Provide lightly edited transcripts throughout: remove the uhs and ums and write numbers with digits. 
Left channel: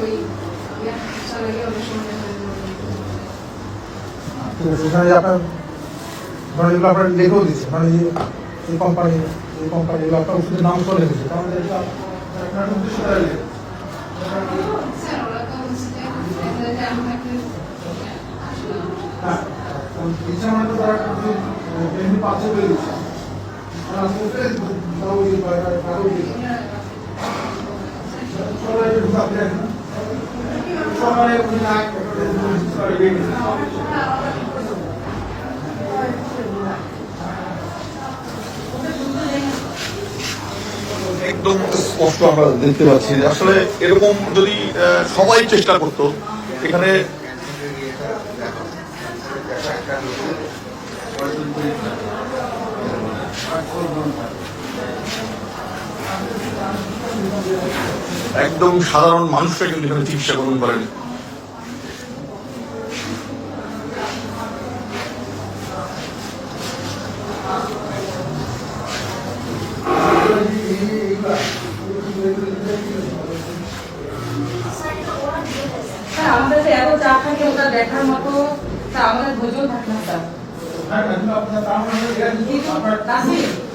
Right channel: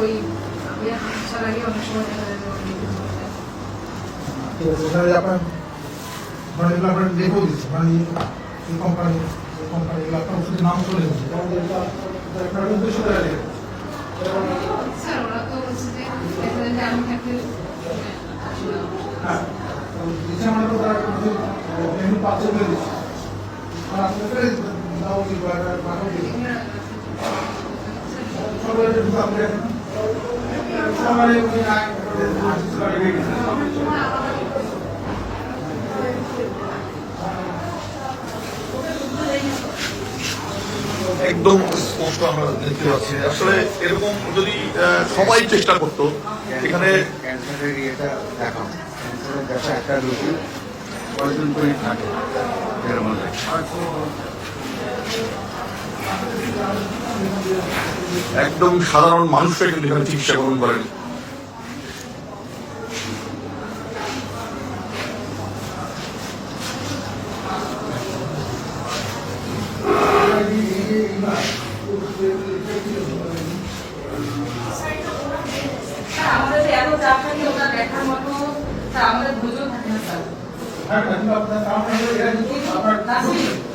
ওই স্যালারি অনেক সময় দেখা যায় ঠিক আছে, এখানে আপনার মানে যেগুলো আপনার লেখেও দিচ্ছে, মানে এই কোম্পানি এগুলো আপনার ওষুধের নাম চলে এসেছে, কারণ এটা আপনার 200 টাকা লেগে। স্যার ওরা তো হচ্ছে জানি থাকে হ্যাঁ, ইচ্ছা মানে তারা এমনি পাথর করে দিচ্ছে, আর আপনার দাও দিয়ে কাগজ দিয়ে সবাই ঢুকে আপনি এখন সবাই না একদম স্পষ্ট আমরা দেখতে পাচ্ছি। আসলে এরকম যদি সবাই চেষ্টা করতো, এখানে একদম সাধারণ মানুষরা কিন্তু এখানে চিকিৎসা গ্রহণ করেন। আমাদের এত চাপ থাকে ওটা দেখার মতো আমাদের ধৈর্য থাকে না স্যার।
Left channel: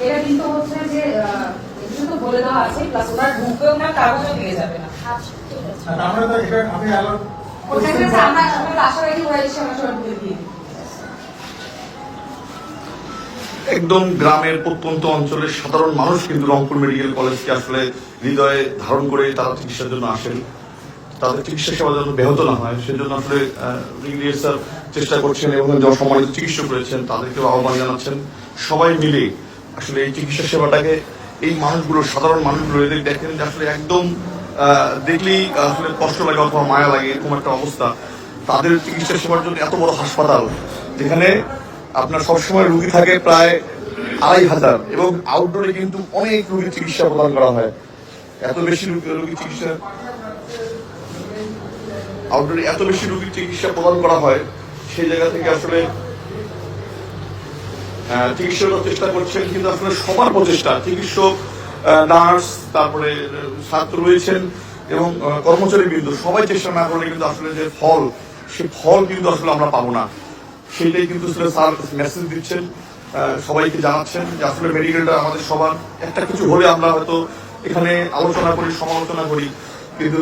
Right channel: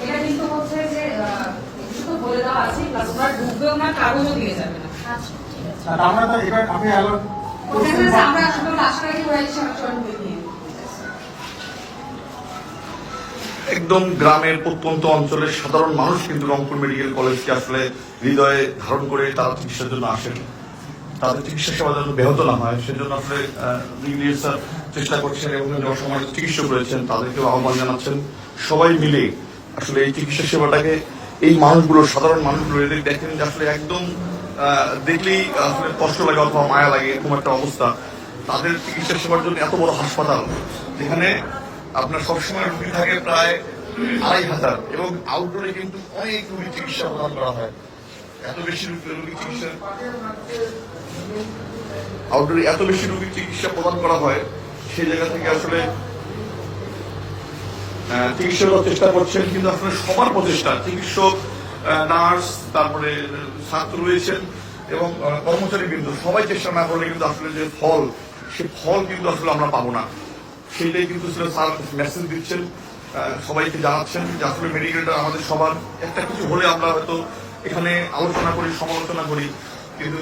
এটা কিন্তু হচ্ছে যে শুধু বলে দেওয়া আছে প্লাস ওনার ঢুকবেও না, কাগজও দিয়ে যাবে না। ওটাকে আমরা আশা রাখি ওরা এসে আসলে দিয়ে দিই। একদম গ্রামের প্রত্যন্ত অঞ্চলের সাধারণ মানুষ কিন্তু রংপুর মেডিকেল কলেজকে আসলে হৃদয়ে ধারণ করে তারা চিকিৎসার জন্য আসেন। তাদের চিকিৎসা সেবা যেন ব্যাহত না হয় সেজন্য আসলে ব্রিগেডিয়ার স্যার চেষ্টা করছেন এবং সম্মানিত চিকিৎসক রয়েছেন তাদেরকেও আহ্বান জানাচ্ছেন সবাই মিলে আসলে এই চিকিৎসা সেবাটাকে এই মানুষগুলো সাধারণ মানুষগুলো এদের দেখেন যে আসলে একদম দেখলেই আসলে কষ্ট লাগে অথবা মায়া লাগে এরকম একটা অবস্থা। তাদের চিকিৎসা সেবার জন্য এত বড় হাসপাতাল যেখানে আপনার সবসময় রুগী থাকে প্রায় 2500 এবং আউটডোরে কিন্তু অনেক রোগীর চিকিৎসা প্রদান করা হয়। এত বেশি রোগীর চিকিৎসা আউটডোরে এত বেশি রোগীর চিকিৎসা প্রদান করা হয়, সেই জায়গা থেকে আসলে চিকিৎসকরা চেষ্টা করছেন, কিন্তু আসলে সবার প্রচেষ্টা চিকিৎসক, নার্স, তারপরে ছাত্র রয়েছেন এবং কর্মচারী বিন্দু সবাই চেষ্টা না করলে কিন্তু আসলে যে ফল সে ফল কিন্তু আসলে আমরা পাবো না। সেইটাই কিন্তু স্যার মেসেজ দিচ্ছেন, সবাইকে জানাচ্ছেন যে আসলে মেডিকেলটা আমাদের সবার, একটা কিছু হলে আমরা হয়তো এখানে আলোচনা করি, সমালোচনা করি, কিন্তু